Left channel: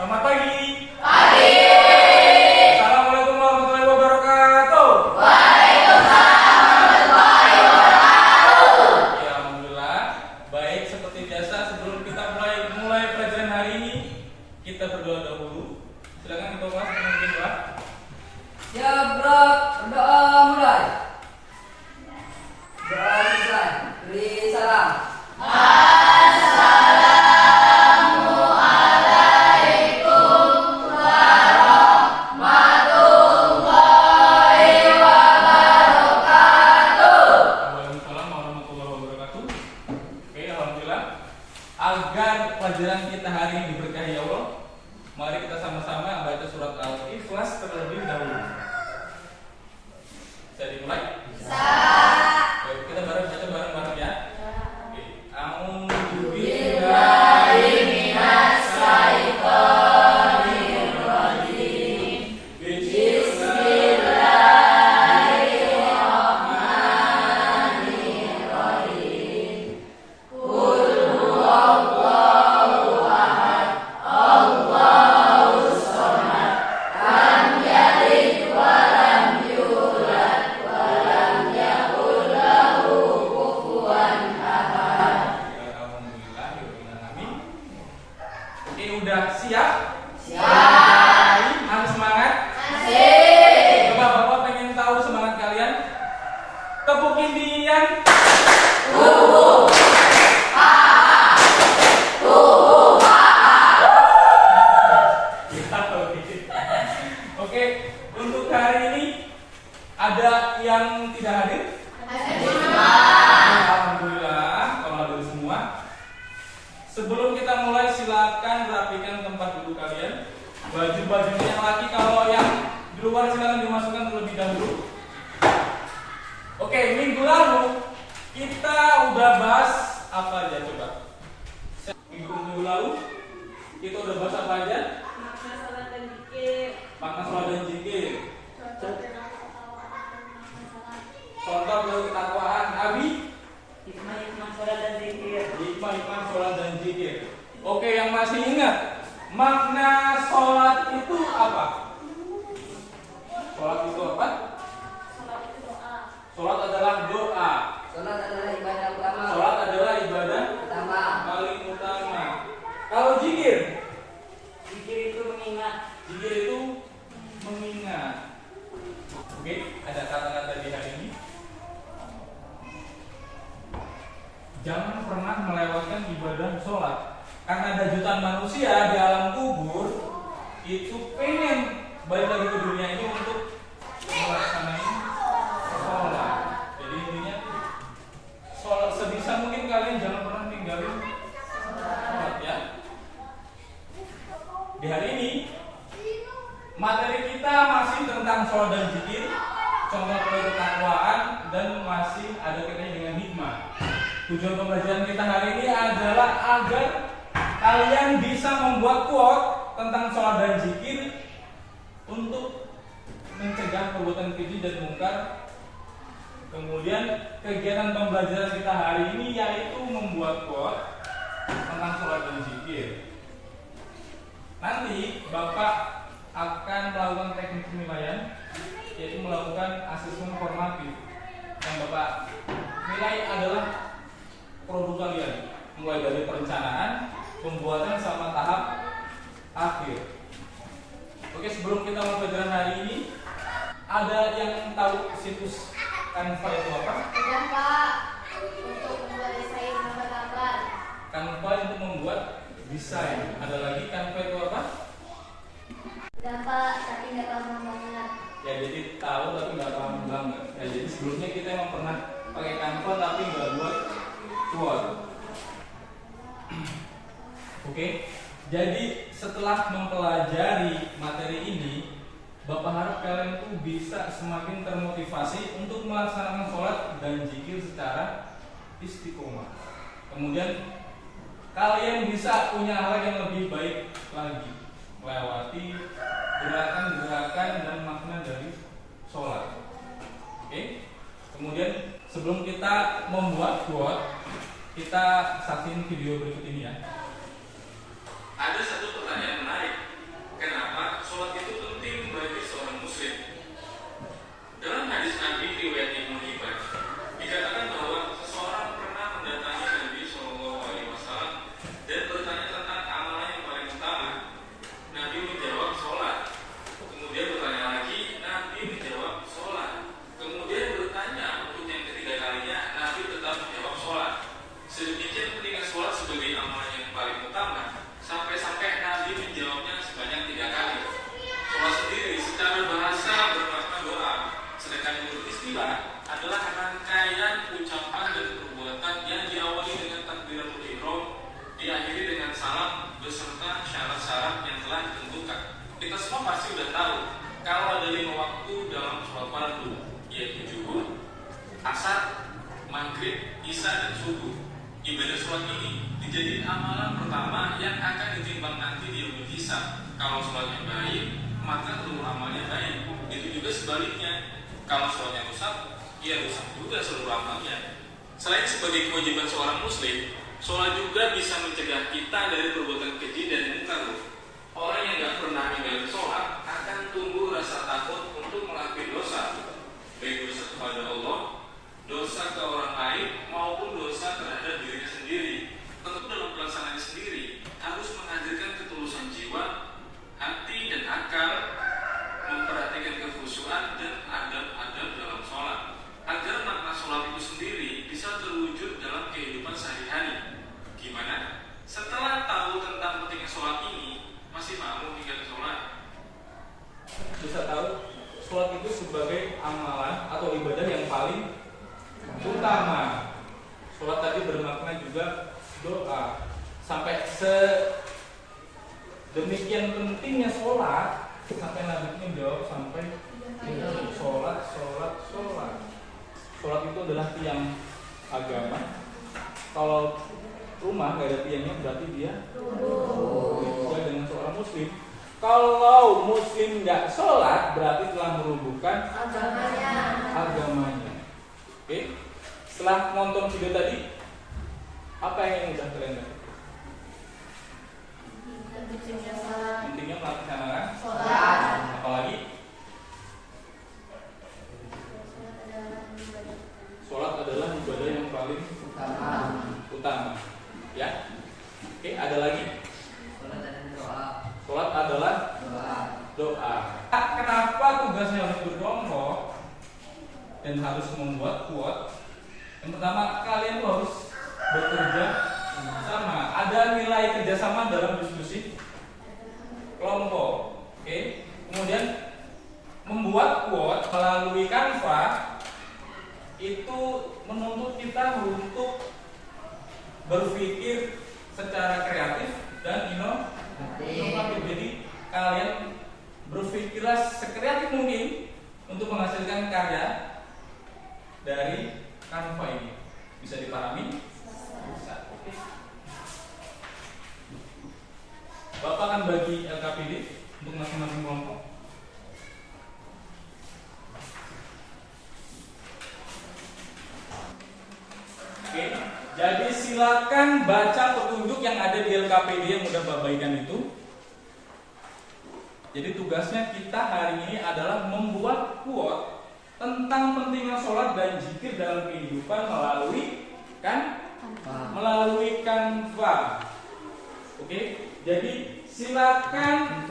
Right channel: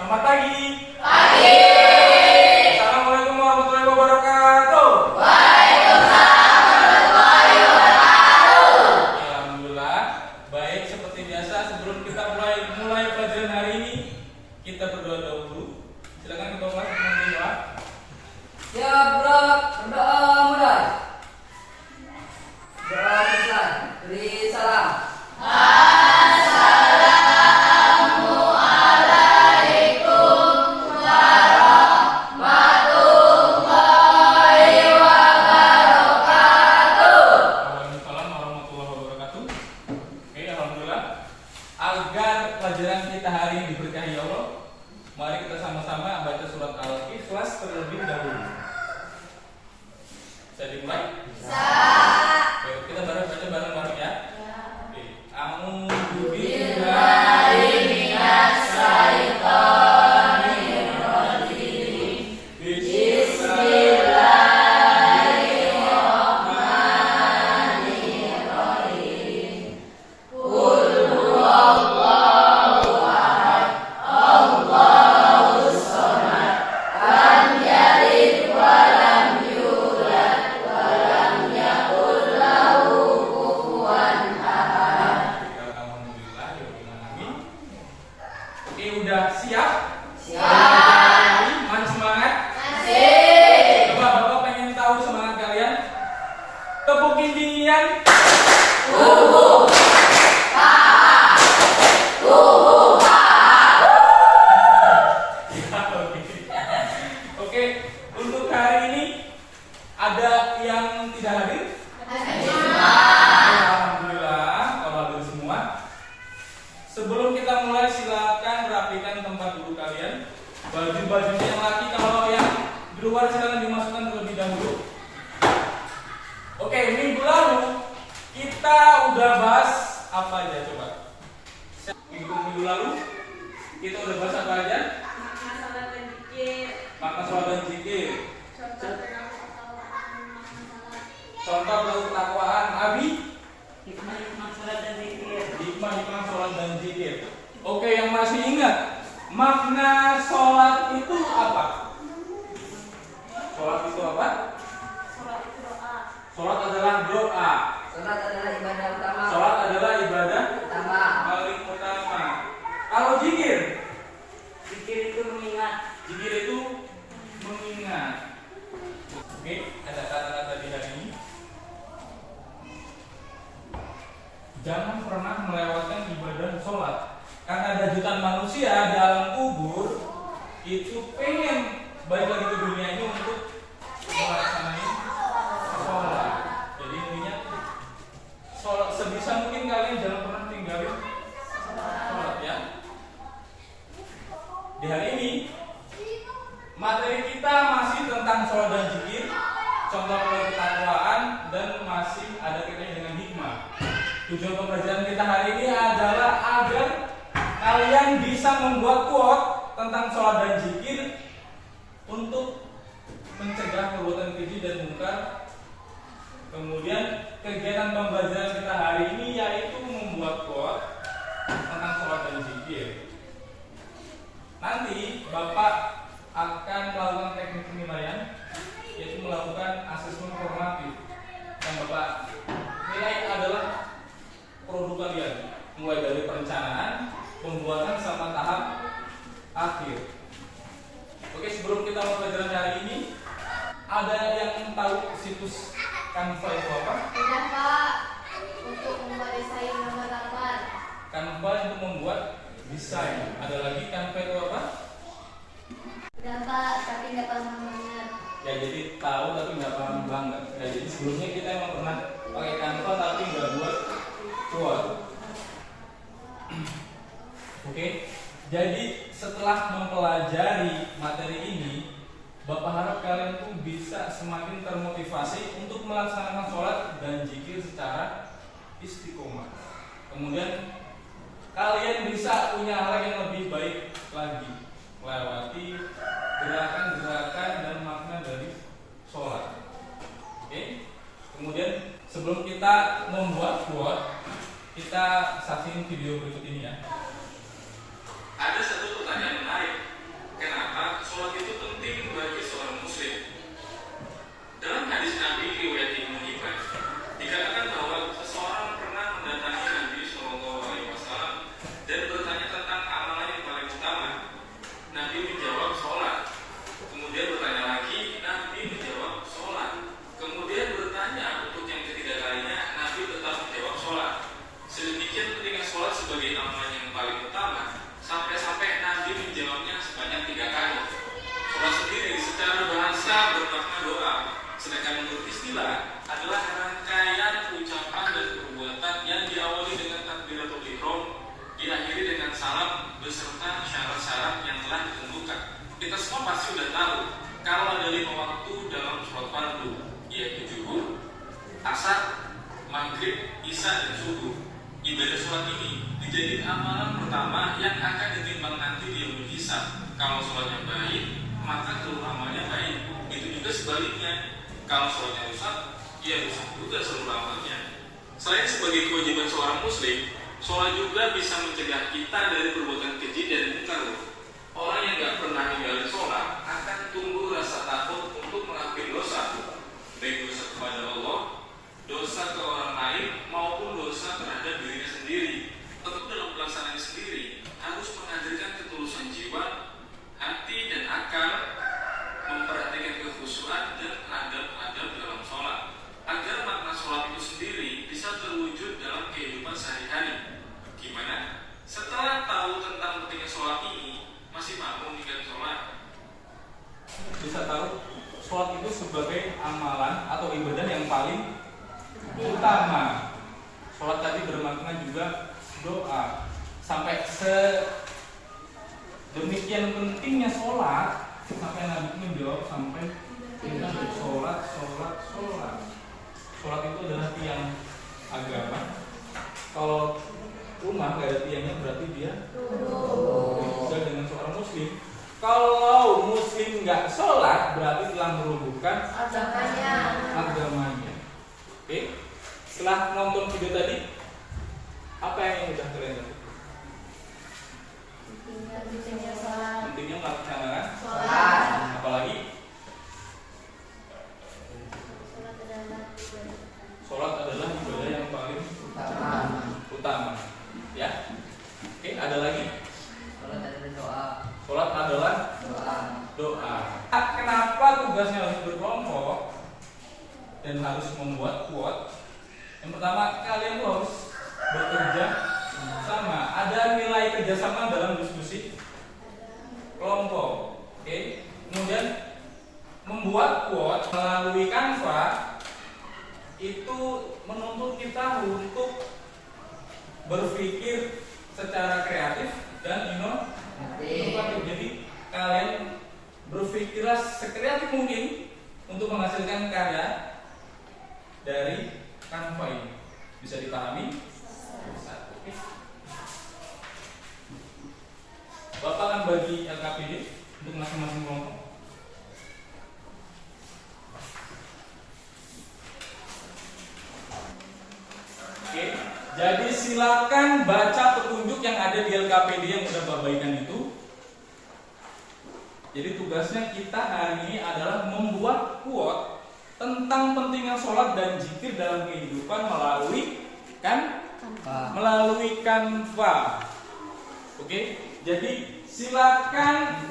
Selamat pagi. Pagi. Assalamualaikum warahmatullahi wabarakatuh. Waalaikumsalam warahmatullahi wabarakatuh. Ya, alhamdulillah. Baik, seperti biasa sebelum kita mulai pelajaran hari ini, kita berdoa dahulu. Silakan kita ulas memimpin doa. Ya bro, berdoa mulai. Doa selesai. Beri salam. Waalaikumsalam warahmatullahi wabarakatuh. Oke, alhamdulillah. Agar pelajaran kita hari ini diberkahi Allah, mari kita sama-sama baca surat Al-Ikhlas terlebih dahulu. Bisa dimulai? Oke, kita baca bareng-bareng ya. Oke. A'udzu billahi minasy syaithanir rajim. Bismillahirrahmanirrahim. Qul huwallahu ahad, Allahus samad, lam yalid wa lam yulad wa lam yakul lahu kufuwan ahad. Alhamdulillah, amin. Oke, udah siap? Siap. Masih semangat? Masih. Coba Bapak pengen tahu semangat kalian? Tepukin dingin. Oke, untuk hari ini ada yang tidak hadir? Alhamdulillah, kalau hadir semua. Sebelum kita mulai, silakan rapikan tempat duduk kalian. Baju-bajunya yang laki, kalau yang di luar silakan dimasukkan terlebih dahulu. Oke, minggu lalu kita udah bahas apa aja coba? Minggu lalu kita udah bahas apa aja? Makna salat dan zikir. Makna sholat dan zikir. Contoh dalam ketakwaan dan makna salat. Contoh dari ketakwaan. Abi? Hikmah salat dan zikir. Hikmah sholat dan zikir. Oke, yang masih ingat makna sholat itu apa? Sholat itu apa? Salat itu doa. Sholat adalah doa. Salat adalah ibadah utama. Sholat adalah ibadah Utama. paling utama. Kalau zikir, Zikir itu mengingat. zikir itu mengingat. Oke, ada kata-kata di hari ini. Jangan pernah melewatkan ibadah sholat, karena ada jutaan manusia di alam kubur itu pengen balik lagi ke dunia ini untuk melaksanakan sholat. Jadi intinya sholat, sebisa mungkin kalian jangan pernah tinggalin sholat ya. Di hari ini materi kita masih tentang sholat dan zikir, contoh ketakwaan, dan masih ada kaitannya dengan hikmah. Tujuan pembelajaran kita hari ini adalah agar kalian bisa membuat quote tentang sholat dan zikir untuk mencegah perbuatan keji dan mungkar. Kemudian kegiatan pembelajaran kita hari ini yaitu membuat quote tentang sholat dan zikir. Nanti Bapak akan melakukan teknik penilaian, yaitu melakukan asesmen formatif. Yang Bapak nilai adalah produk kalian, mulai dari perencanaan, pembuatan, sama tahap akhir. Oke, sebelum kita mulai pelajaran hari ini, ada yang tahu situs Canva itu apa? Tidak Pak. Untuk membuat desain gambar gambar. Canva untuk membuat desain. Ada lagi Canva itu apa? Tidak Pak, tapi nggak tahu namanya. Ya, jadi tahu tapi nggak paham banget. Ya, jadi sebelumnya kita emang pernah pakai Canva tapi nggak buat quote. Oke, jadi setelah mempelajari materi ini, Bapak harap kalian tuh bisa semakin termotivasi untuk melaksanakan sholat dan zikir secara istiqomah. Kemudian kalian bisa punya hal yang lebih baik lagi, melewati gerakan-gerakan dan makna dari sholat. Oke. Kemudian sebelum kita membuat quote, kita saksikan video berikut ini ya. Ada satu pertanyaan menarik. asar, maghrib, isya, dan subuh. Ibadah sholat ini dijadikan amalan pertama yang akan ditimbang nanti di yaumul hisab. Kalau sholatnya baik, maka seluruh amalnya baik. Begitu juga sebaliknya, kalau sholatnya rusak, ya rusak juga seluruh amalnya. Selain sebagai kewajiban seorang muslim, sholat juga bisa mencegah kita dari perbuatan keji dan munkar. Orang yang gak pernah ninggalin sholat akan tumbuh rasa takut untuk melakukan dosa, baik dosa kepada Allah, dosa ke orang lain, maupun dosa terhadap dirinya sendiri. Tentu dalam pelaksanaannya sendiri harus menghadirkan ketulusan jiwa, hati, dan akal, memperhatikan kekhusyuan dan adab-adab dalam sholat, agar makna sholat itu sendiri bisa terwujud dalam kehidupan sehari-hari. Gimana? Setelah tahu tentang pentingnya sholat ini, masih mau meninggalkan sholat? Bisa tahu sholat itu sebagai amalan atau ibadah yang paling utama. Sholat tadi bermakna juga doa. Sampai sedemikian pentingnya sholat, sampai Nabi menjawab sampai kita sholat. Sholat itu adalah tiang agama. Kalau rumah gak ada tiangnya berarti dia juga dengan seorang muslim. Kalau muslim nggak sholat berarti telah merubuhkan agamanya. Oke? Setelah nonton video tadi, apa yang udah kalian dapat? Pentingnya melaksanakan sholat. Apalagi sholat adalah ibadah yang paling utama. Ya. Oke, ada lagi? Sholat adalah doa. Sholat adalah doa. Kenapa tugasnya harus berkelompok dan harus membuat quote? Yang pertama, kalian tuh harus bekerja sama. Ada nilai kerjasama dalam diskusi kelompok. Oke. Kemudian membuat quote melalui Canva itu menuntut kita untuk berpikir secara kreatif dan inovatif. Jadi kalian berpikirlah sekreatif mungkin untuk menghasilkan karya dari Canva ini. Bisa dipahami? Bisa. Oke. Bapak akan bagi LKPD untuk masing-masing kelompok. Oke. Jadi silakan baca petunjuk yang ada di LKPD yang udah Bapak bagikan itu. Jadi tugasnya kita hari ini adalah membuat quote tentang pentingnya sholat dan zikir dalam kehidupan melalui Canva. Oke, jadi silakan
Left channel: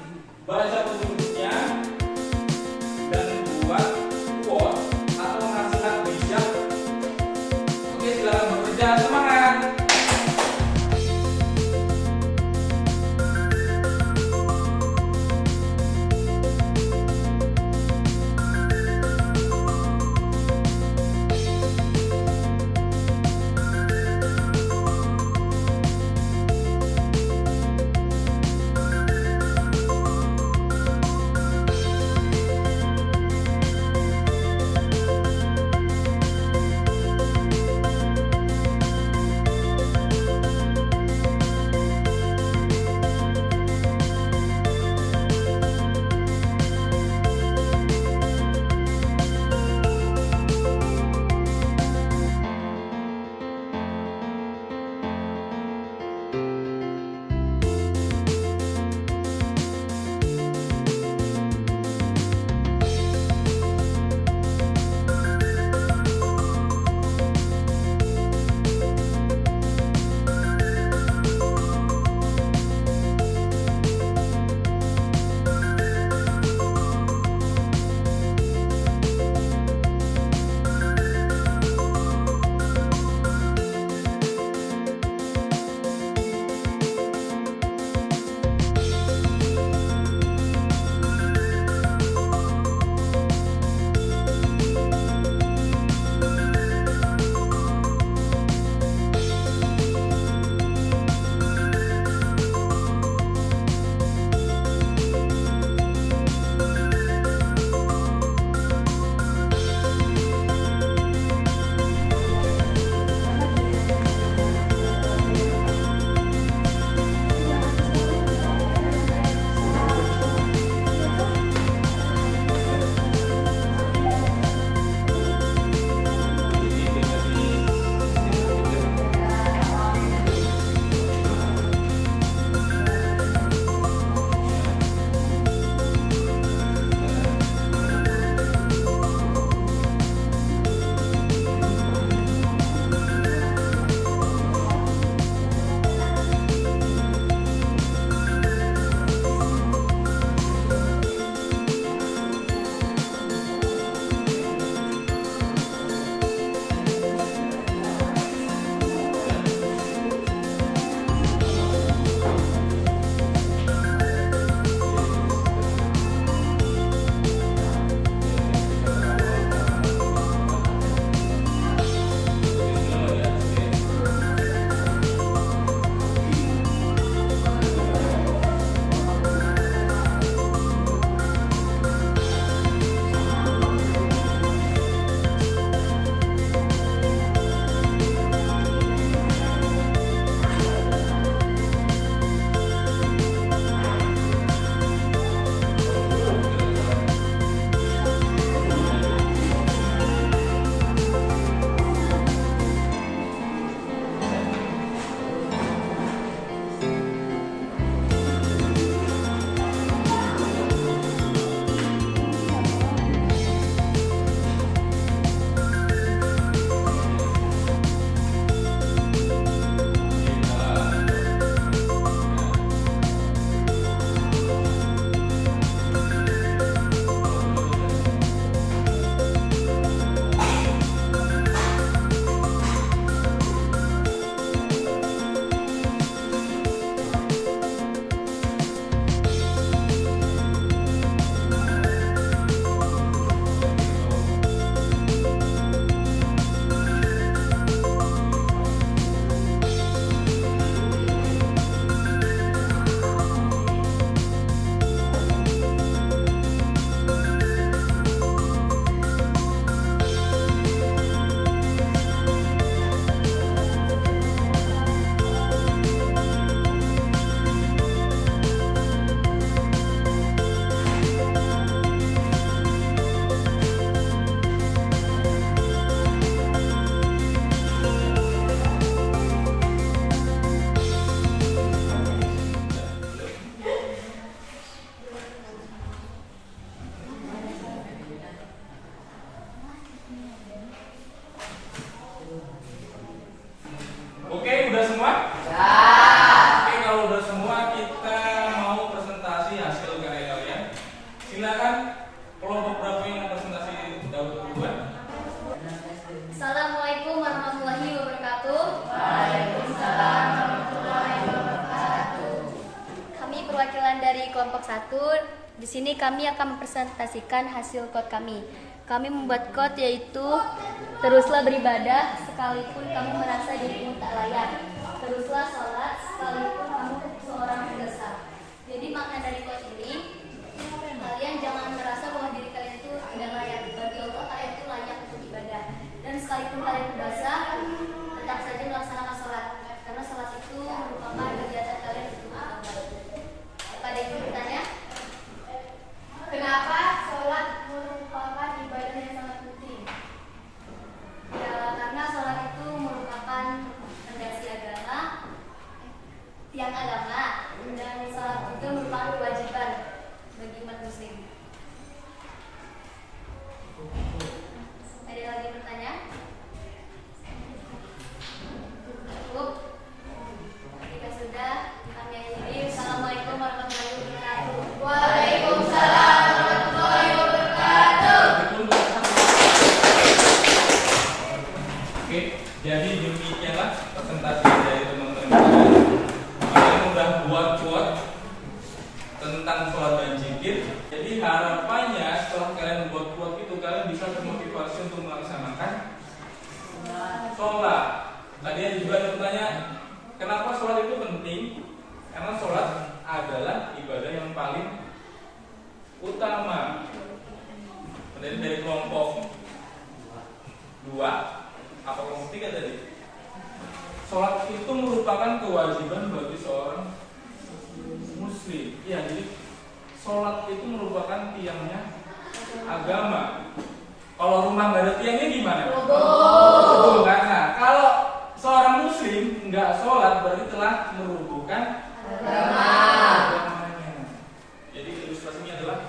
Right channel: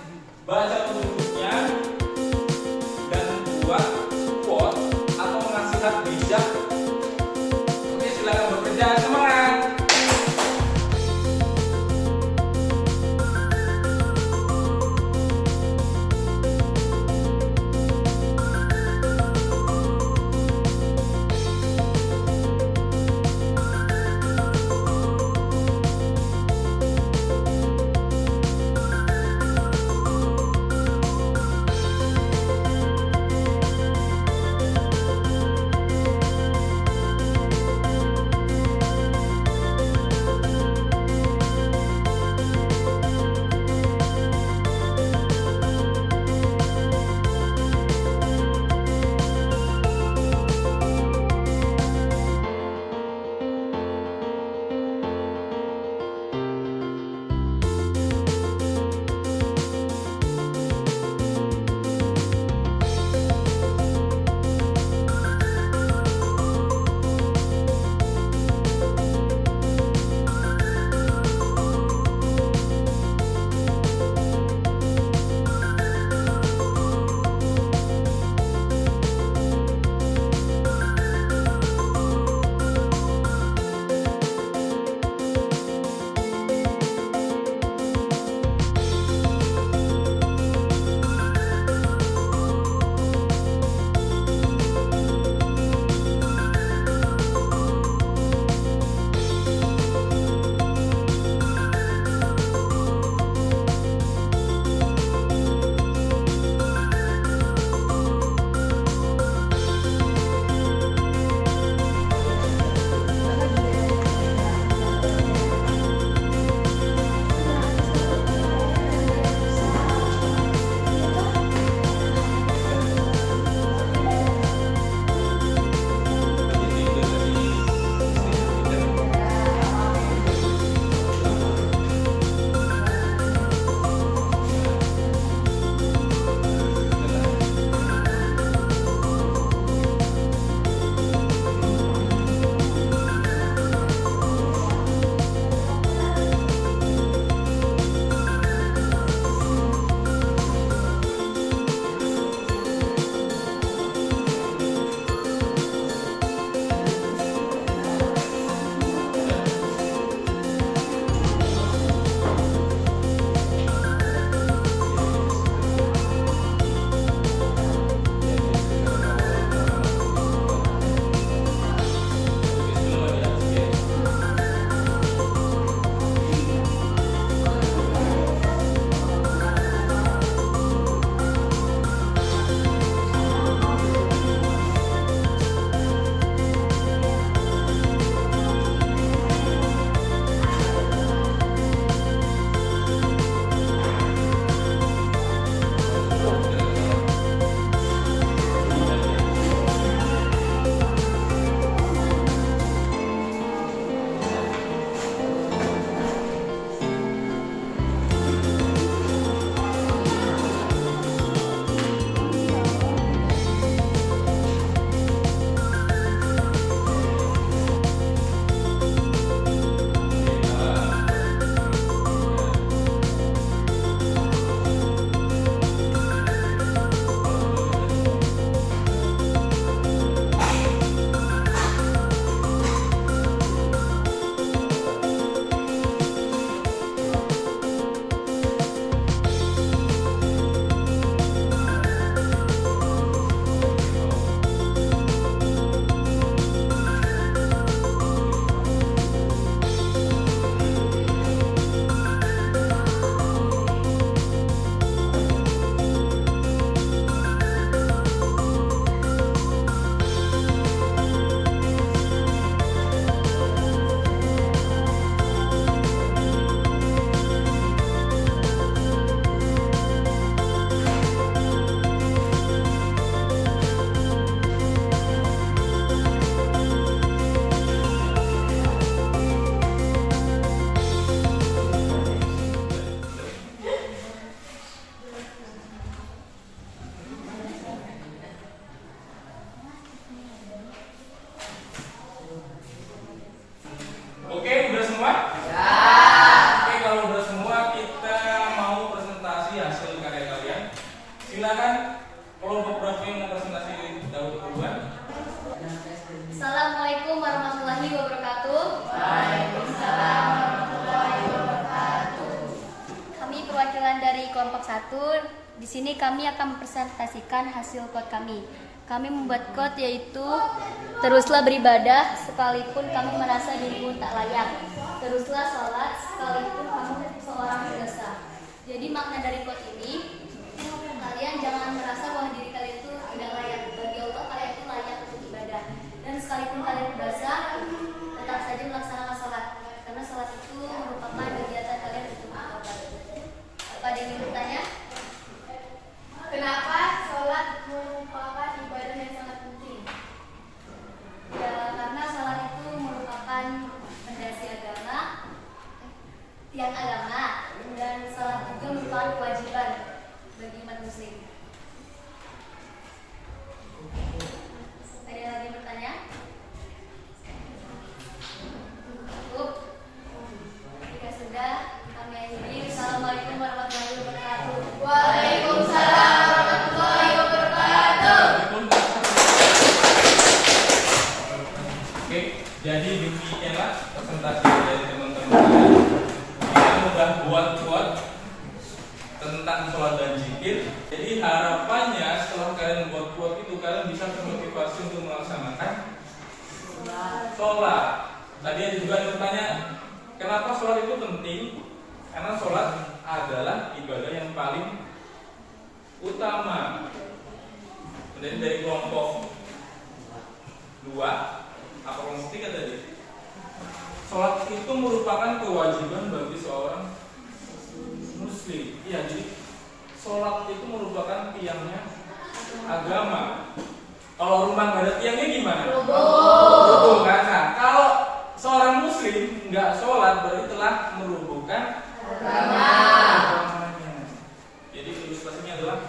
baca petunjuknya dan buat quote atau nasihat bijak. Oke, silakan bekerja, semangat. Di sini kami akan mempresentasikan hasil quote kami. Kami membuat quote yaitu teruslah beribadah sekalipun kamu merasa dirimu tak layak. Teruslah sholat sekalipun kamu seorang pendosa. Jadi makna dari quote ini, kalian jangan merasa bahwa diri kalian itu tidak layak. Bagi Allah kalian itu layak untuk ibadah. Dan sekalipun kalian berdosa, tetap saja melaksanakan sholat. Karena sholat itu merupakan kegiatan kalian untuk Allah. Apa ada yang ingin bertanya? Kenapa sholat merupakan ibadah yang sangat penting? Ya, karena sholat itu merupakan fondasi agama, tiang agama, dan sholat juga merupakan kewajiban bagi umat muslim. Ada lagi yang bertanya? Cukup? Jika sudah, kami akhiri. Assalamualaikum warahmatullahi wabarakatuh. Waalaikumsalam warahmatullahi wabarakatuh. Oke, jadi demikianlah presentasi dari teman-teman kalian. Kita sudah buat quote tentang sholat dan zikir. Jadi harapannya setelah kalian buat quote itu, kalian bisa termotivasi untuk melaksanakan sholat. Tadi ada juga yang bertanya, kenapa sholat itu penting? Karena sholat adalah ibadah yang paling utama. Jadi dari kelompok 2 apa kelompok 3 tadi? Sholat itu merupakan kewajiban bagi seorang muslim. Iya, jadi sholat itu merupakan tiangnya agama. Kalau rumah nggak ada tiangnya gimana? Roboh kan? Nah, kalau seorang muslim nggak sholat berarti telah merubuhkan agamanya. Jadi ilustrasinya adalah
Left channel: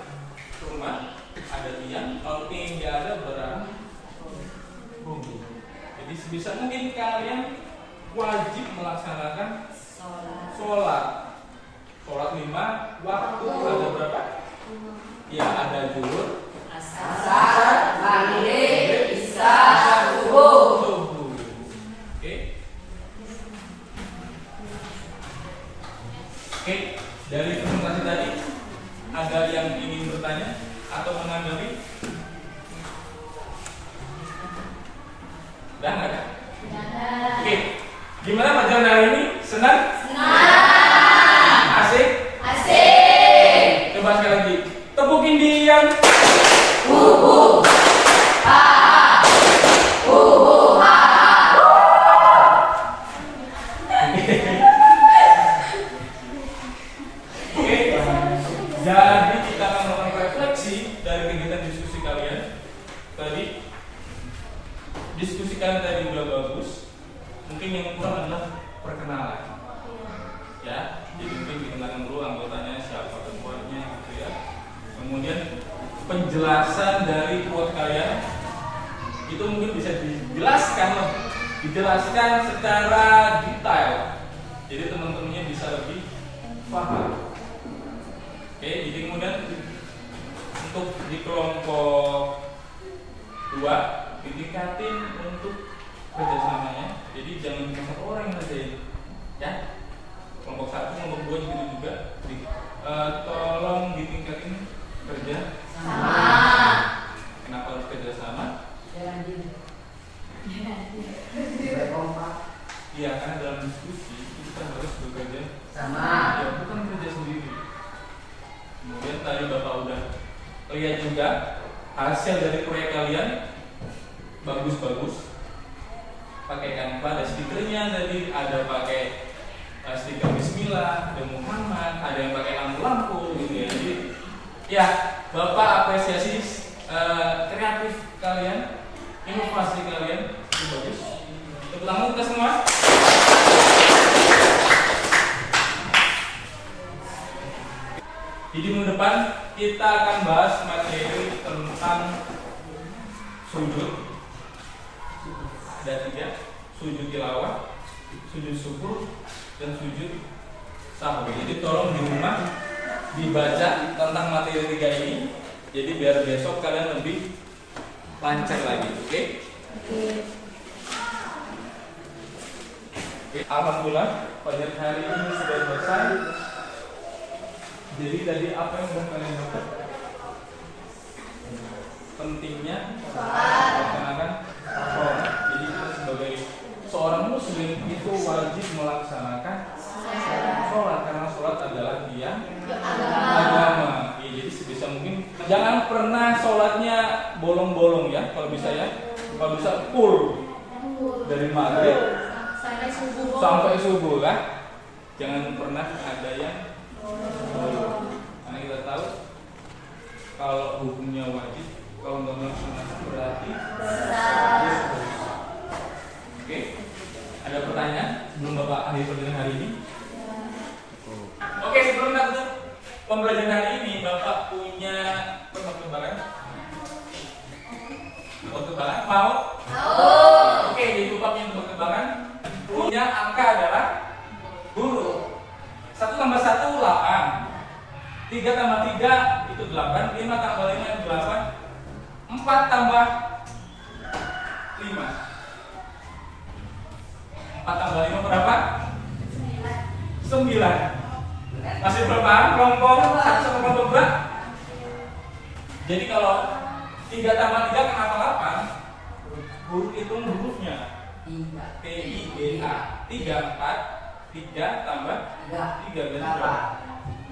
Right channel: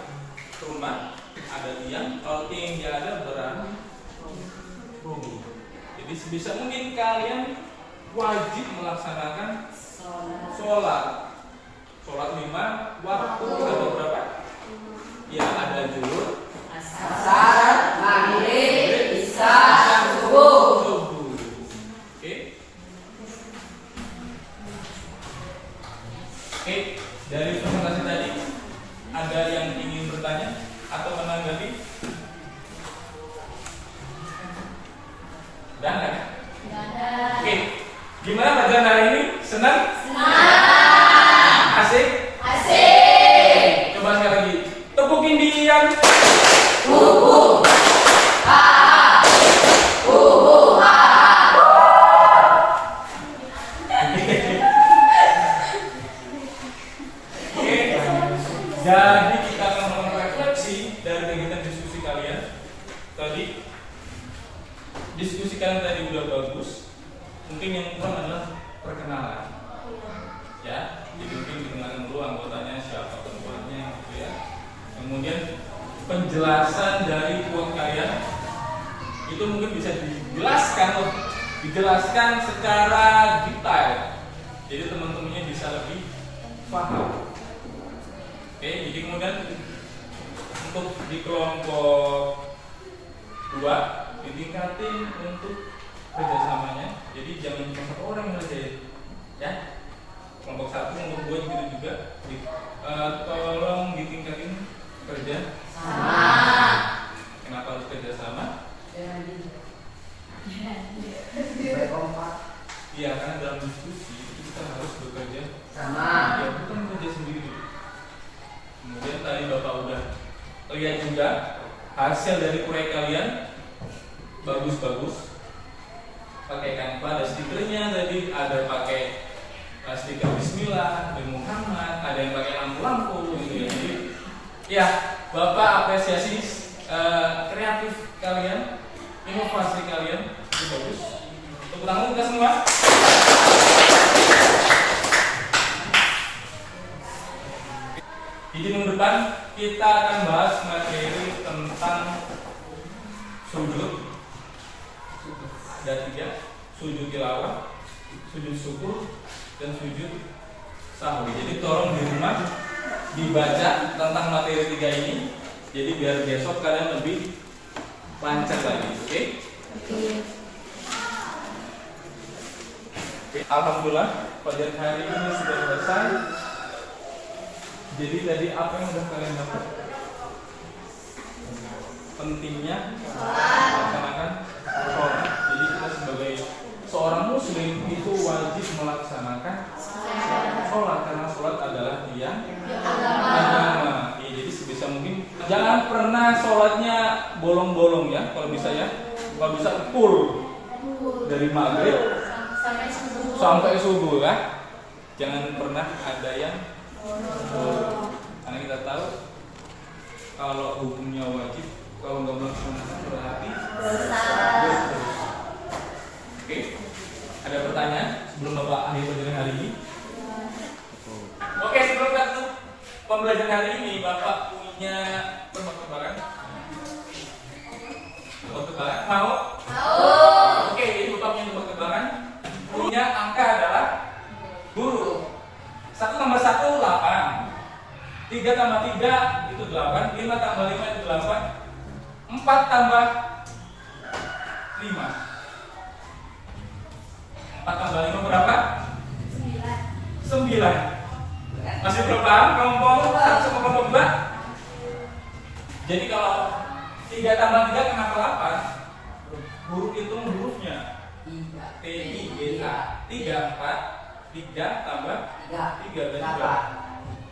rumah ada tiang, kalau tiang nggak ada berarti roboh. Jadi sebisa mungkin kalian wajib melaksanakan sholat. Sholat 5 waktu ada berapa? Ya, ada zuhur, Asar, maghrib, isya, subuh. Oke. Oke, dari presentasi tadi ada yang ingin bertanya atau menanggapi? Udah nggak? Oke, gimana pelajaran hari ini? Senang? Asik? Asik. Coba sekali lagi. Tepukin Dian. Bubu. Ha. Bubu. Ha. Oke. Jadi kita akan melakukan refleksi dari kegiatan diskusi kalian. Tadi diskusi kalian tadi udah bagus. Mungkin yang kurang adalah perkenalan. Ya, jadi mungkin dikenalkan dulu anggotanya siapa ketuanya gitu ya. Kemudian penjelasan dari quote kalian itu mungkin bisa dijelaskan secara detail. Jadi teman-temannya bisa lebih paham. Oke, jadi kemudian untuk di kelompok 2 ditingkatin untuk kerjasamanya. Jadi jangan cuma satu orang yang ngerjain, ya. Kelompok 1, kelompok 2 gitu juga. Tolong ditingkatin kerja Sama. Kenapa harus kerja sama? Iya, karena dalam diskusi itu kita harus bekerja Sama. ya, bukan kerja sendiri. Kemudian tadi Bapak udah lihat juga hasil dari proyek kalian bagus-bagus. Pakai Canva, ada stikernya tadi, ada pakai stiker Bismillah, dan Muhammad, ada yang pakai lampu-lampu gitu ya. Jadi ya, Bapak apresiasi kreatif kalian, inovasi kalian, itu bagus. Tepuk tangan kita semua. Jadi minggu depan kita akan bahas materi tentang sujud. Ada 3, sujud tilawah, sujud syukur, dan sujud sahwi. Jadi tolong di rumah dibaca tentang materi 3 ini. Jadi biar besok kalian lebih lancar lagi, oke? Alhamdulillah pelajaran hari ini sudah selesai. Jadi tadi apa yang sudah kalian dapat? Pentingnya melaksanakan sholat. Jadi kita sebagai seorang muslim itu wajib melaksanakan sholat karena sholat adalah tiang agama. Ya, jadi sebisa mungkin jangan pernah sholatnya bolong-bolong ya. Kalau bisa ya, kalau bisa full dari maghrib sampai subuh kan. Jangan pernah ada yang karena kita tahu kalau hukumnya wajib, kalau nggak melaksanakan berarti Oke, ada pertanyaan sebelum Bapak akhir pelajaran hari ini? Oke, sebelum kita tutup pembelajaran hari ini, Bapak punya tebak-tebakan? Tebak-tebakan? Mau? Oke, jadi Bapak punya tebak-tebakan. Punya angka adalah guru. 1 tambah 1 8. 3 tambah 3 itu 8. 5 tambah 5 itu 8. 4 tambah 5. 4 tambah 5 berapa? 9. Masih berapa? Kelompok 1 sama kelompok 2. Jadi kalau 3 tambah 3 kenapa 8? Guru hitung hurufnya. T I G A. 3 4 3 tambah 3 berarti berapa?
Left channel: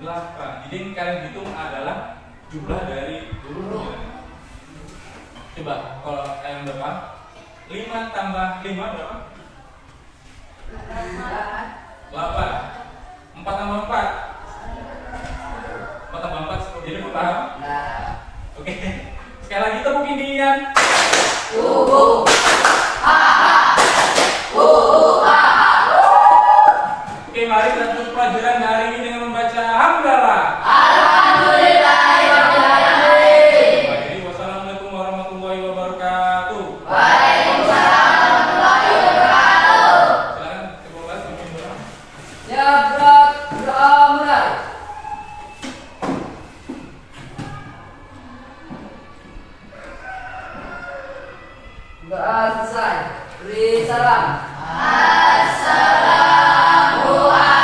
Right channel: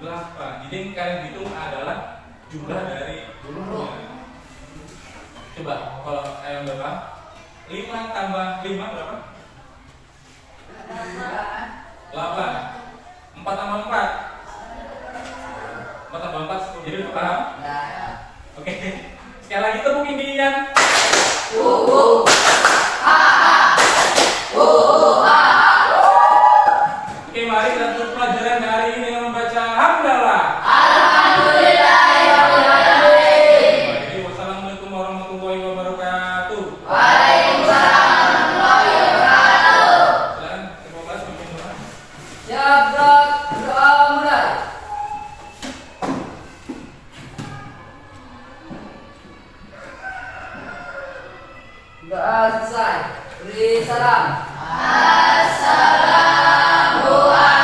8. Jadi yang kalian hitung adalah jumlah dari gurunya. Coba kalau yang berapa? 5 tambah 5 berapa? 8. 4 tambah 4. 4 tambah 4 jadi paham? Oke. Sekali lagi tepuk indinya. Oke, mari kita tutup pelajaran hari ini dengan membaca hamdalah. Baik, wassalamualaikum warahmatullahi wabarakatuh. Silakan Ibu kelas pimpin doa. Ya berat doa mulai. Doa selesai. Beri salam. Assalamualaikum.